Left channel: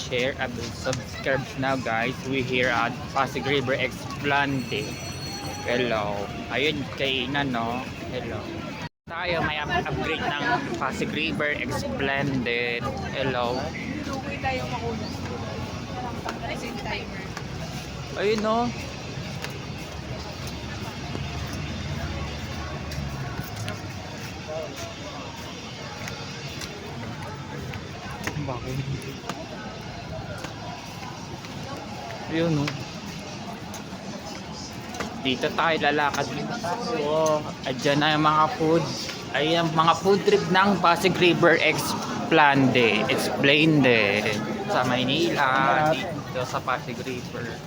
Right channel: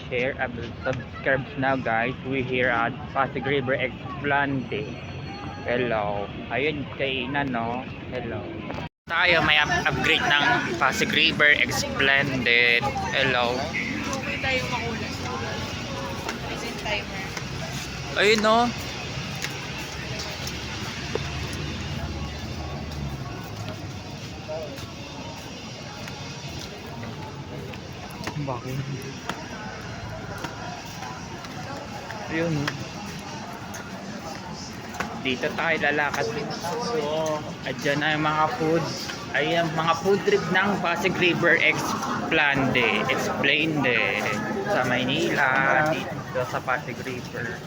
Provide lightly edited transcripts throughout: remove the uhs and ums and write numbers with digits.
share, and subscribe now guys. We here at Pasig River Explande. Hello. Ayun, kainan no. Hello. Tayo may upgrade ng Pasig River Explande. Hello. Hindi tayo makulas. As in timer. Ayun no. Bakit? Ayun no. Dito tayo lalakad. So, adyan na yung mga food. Ayan, mga food trip ng Pasig River Explande. Explained sa Maynila. Dito sa Pasig River.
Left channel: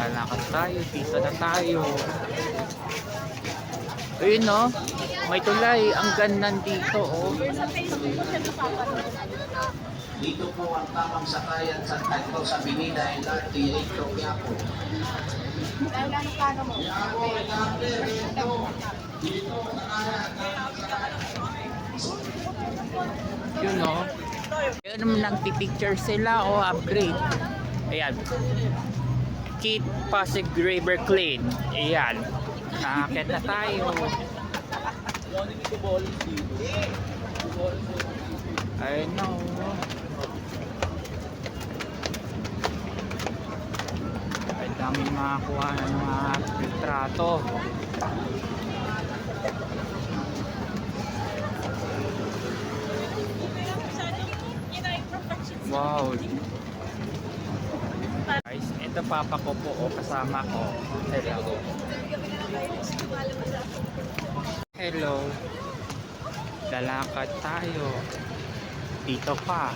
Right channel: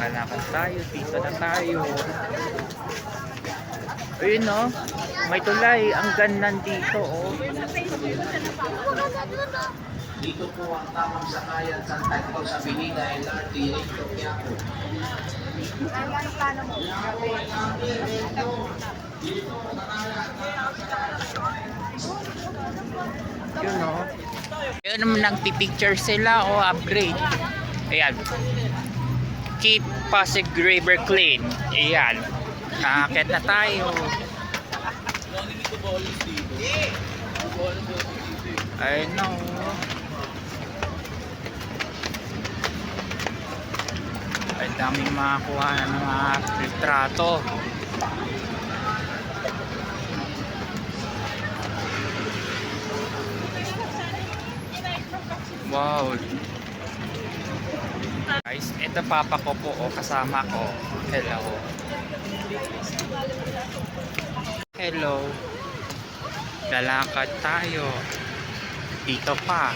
Lalakad tayo. Dito na tayo. Ayun no. May tulay, ang ganda dito oh. Dito po ang tamang sakayan sa Tanto sa Binida LRT Recto Quiapo. Yun oh. Yun naman nagpipicture sila o upgrade. Ayan. Keep Pasig River clean. Ayan. Nakakit na tayo. I know. Ay daming makakuha ng mga litrato. Wow. Guys, ito papa ko po o kasama ko. Hello. Hello. Lalakad tayo. Dito pa.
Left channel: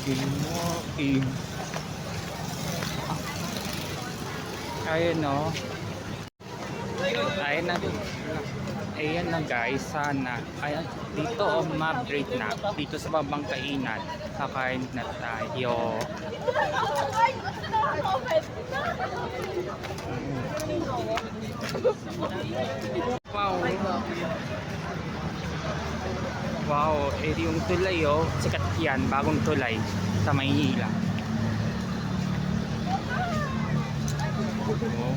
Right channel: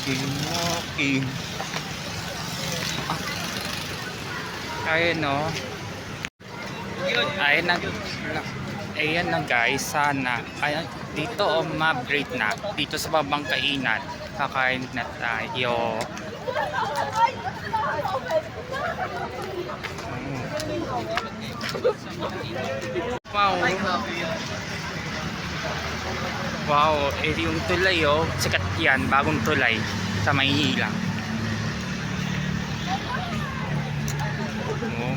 Walking. Ayun no. Ayan na guys, sana. Ayan, dito ma-upgrade na. Dito sa babang kainan. Kakain na tayo. Wow. Wow, yung tulay oh. Sikat yan, bagong tulay sa Maynila. Oh.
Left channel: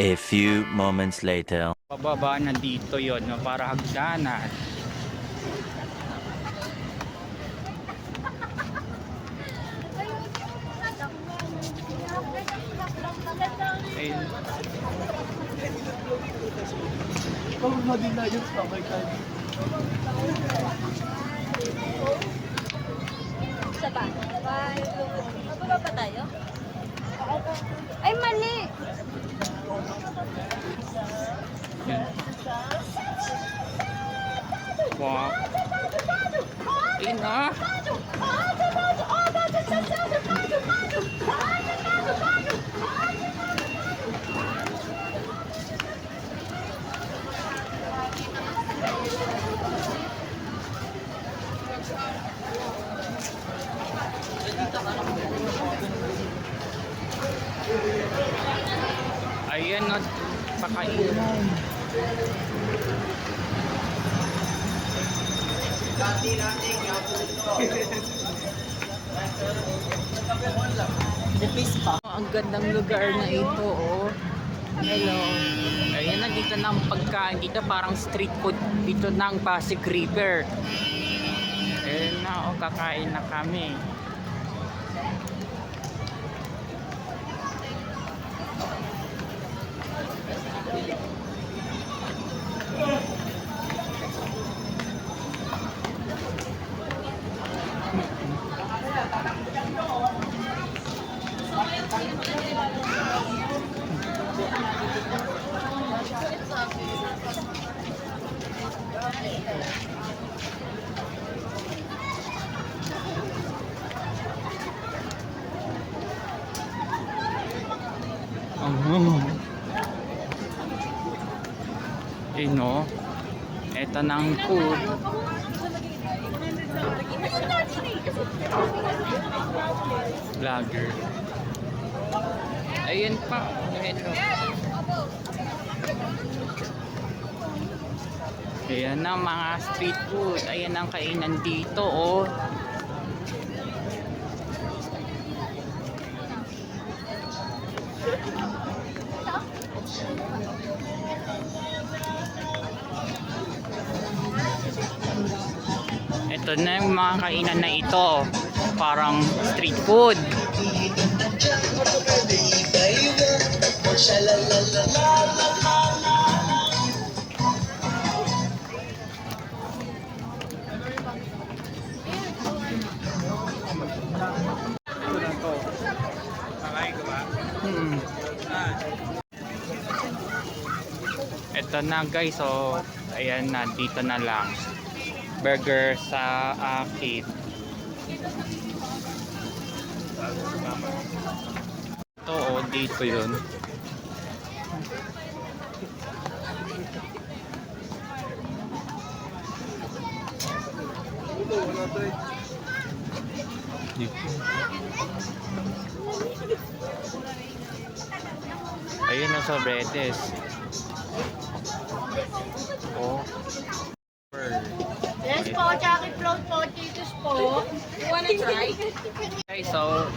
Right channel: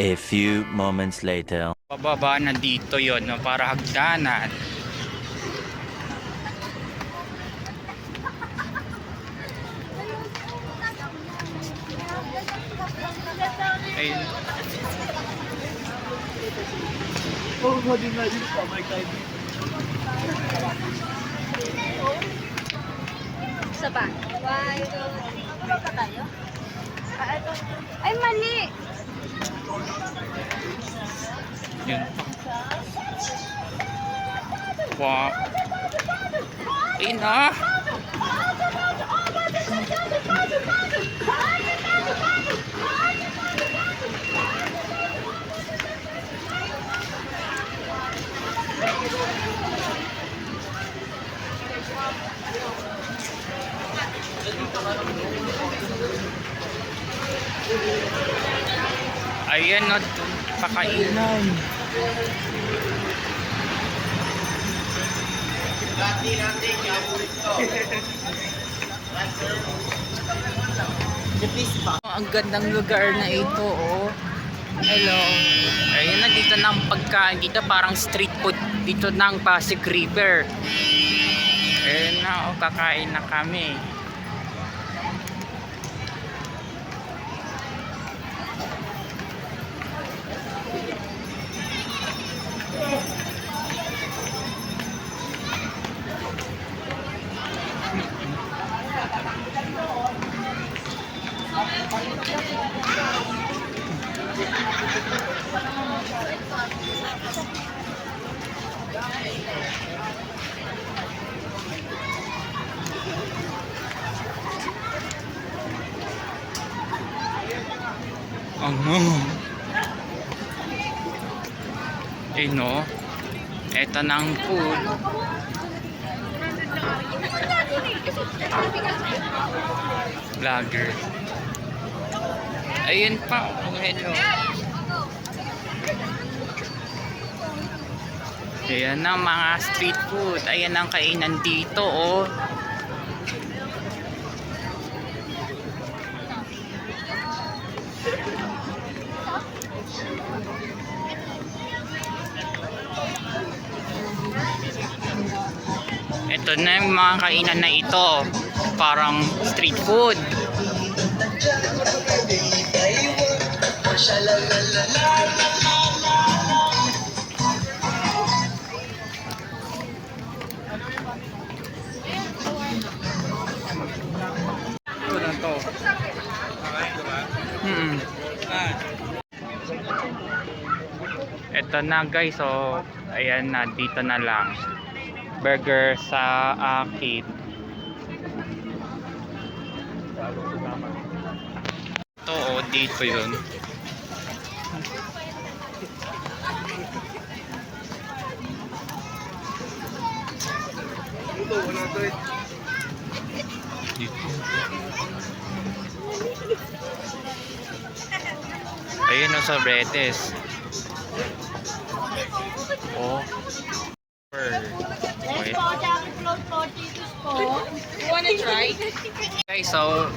A few moments later. Pababa na dito yon no, para hagdanan. Ayun. Isa pa? Iba pa tayo? Ay, mali! Yun. Wow. Ayun na. Ayan na, pakainan. Ang gandang lugar na ito oh. Hello. Ayan na, dito ng pagkain. Dito parang street food dito ng Pasig River. Ayan na, oh, kakain na kami. no? Eto ng food. Vlogger. Ayun pa. Hello. Ayan ang mga street food. Ayan ang kainan dito, oh. Ito na yung mga kainan na ito. Parang street food. Ito na to. Ito na guys, so ayan na, dito na lang. Burger sa akin. Ito oh, dito yun. Dito. Ayun o, sa Bredes. Oh. Yes po, chocolate float po, Cheetos po. You wanna try? Okay, so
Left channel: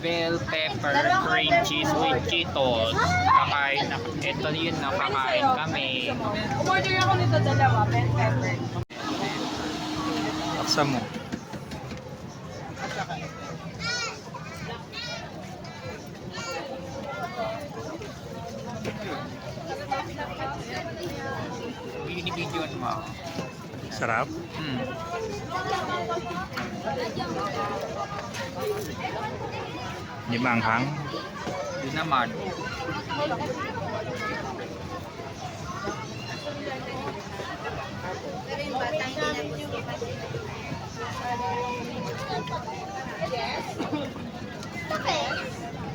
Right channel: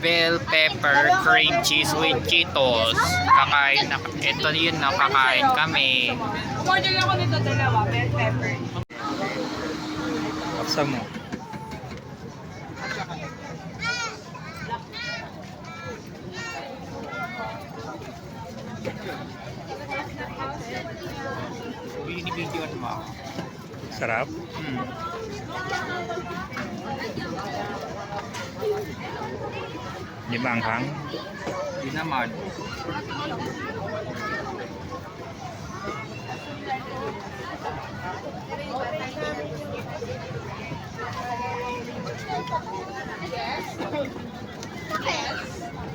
bell pepper cream cheese with Cheetos. Kakain na, ito yun na, kakain kami. Umorder ako nito dalawa, bell pepper. Paksa mo. Sarap? Di manghang? Di naman.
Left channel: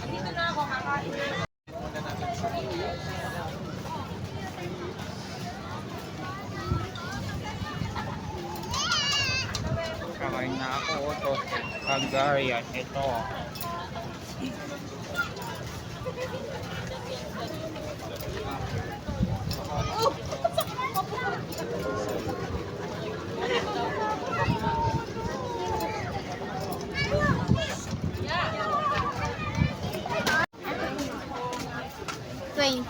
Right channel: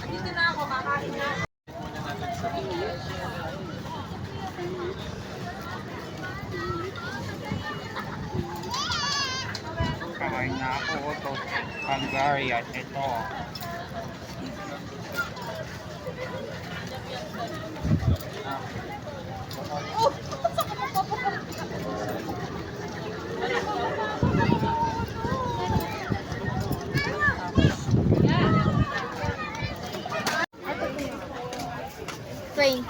Dito na ako, kakain na. Kakain na ako. Ito. Hungarian. Ito. Twain.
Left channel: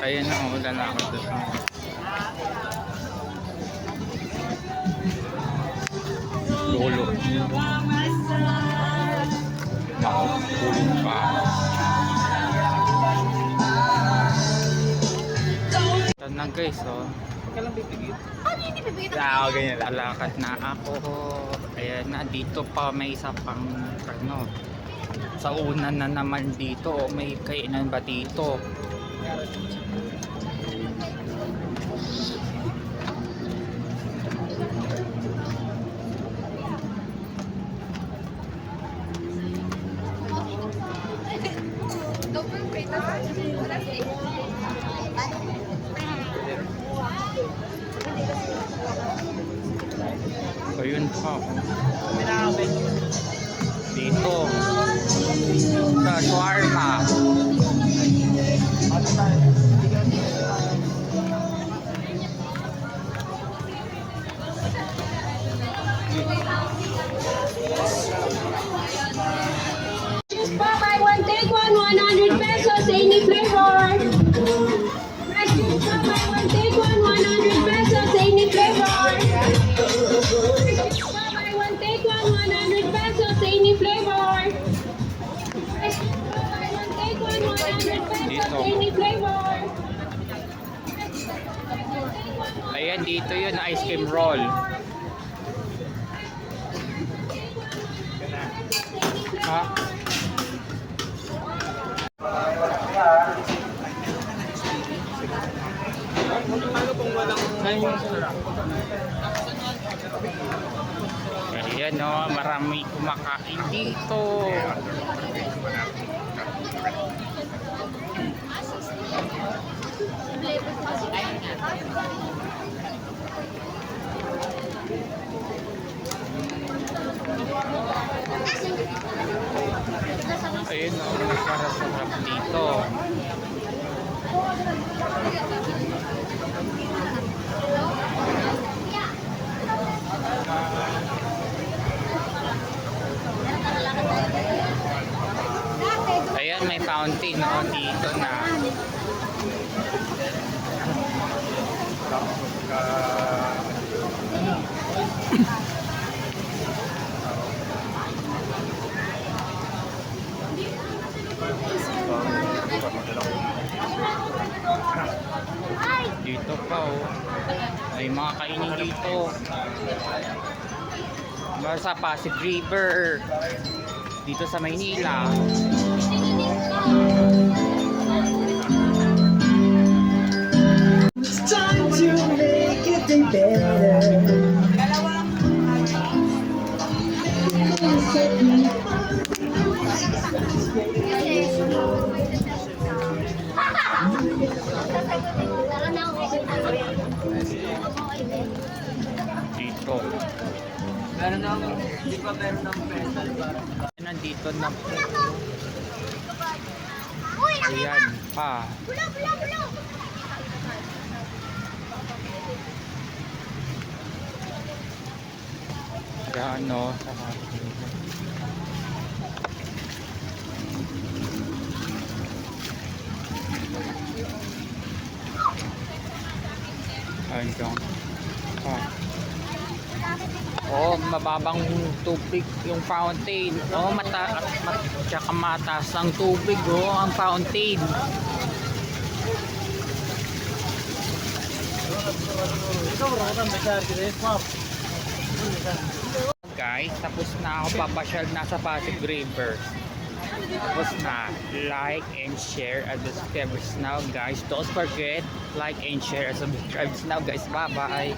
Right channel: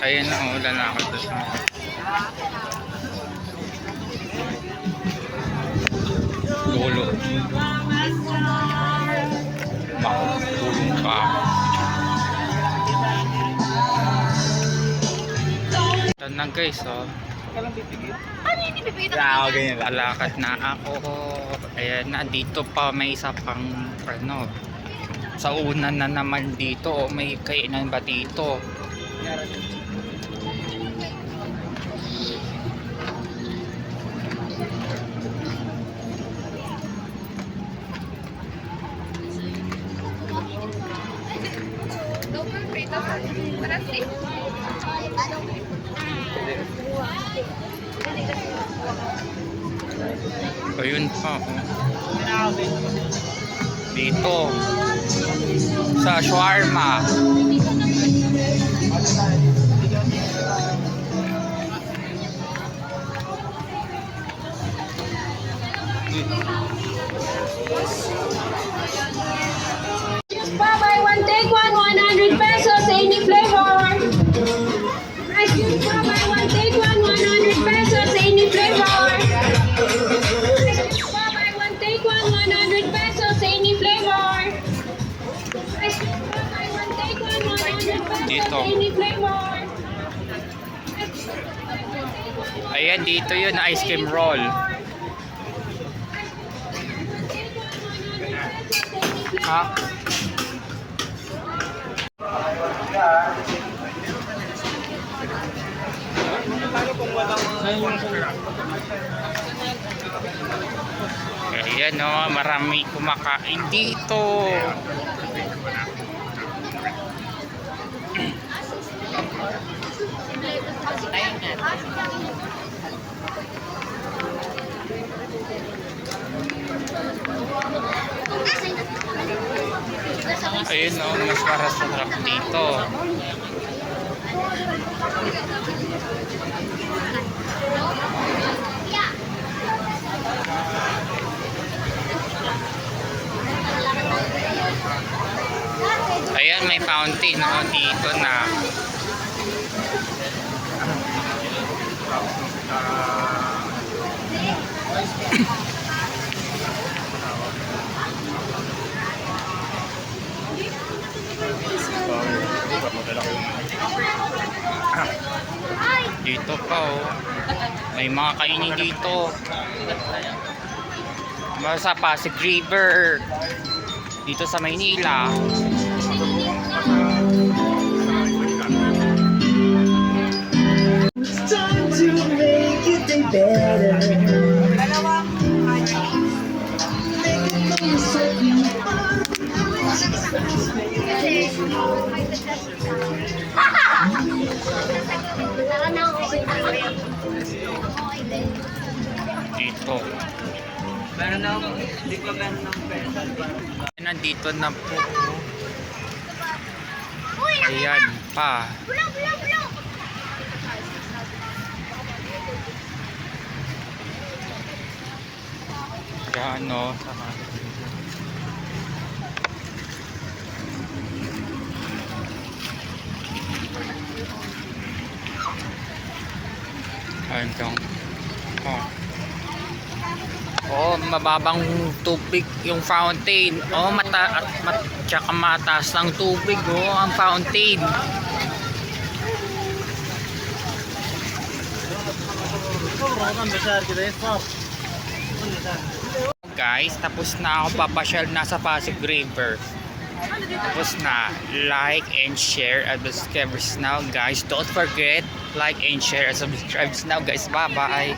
Ayun na, oh, lalakad na sa lolo. Tulong pa. Ito na guys, oh. Ano yung ipipigit? Alakad na ako. Ayan na, dito pa may isa pang ano. Sa una na naman dito, oh, may kainan ba dito? Ayun pa, oh. Dito sa shawarma. Buy one, take one, 100 pesos, any flavor. Rice cubes, buy one, take one, 100 pesos, any flavor. Buy one, take one, 100 pesos, any flavor. Rice cubes, buy one, take one, 100 pesos, Dito. any flavor. Ayan, dito yun, ice cream roll. Ha? Ayan o, marami kumakain dito. Ayun o, mas sarap dito. Ayan, may fountain dito na. Dito pa may mga kainin dito. Sa Pasig River dito sa Maynila. Dito. Meron na ako, hindi pa meron ng pencil. Nandito na po. Ayan pa. Gano. Hanggang mababang tubig yung fountain. Tsaka mataas ang tubig ang fountain. Guys, tapos na ako papasyal na sa Pasig River. Tapos na. Like and share and subscribe now, guys. Don't forget, like and share and subscribe now, guys. Bye bye.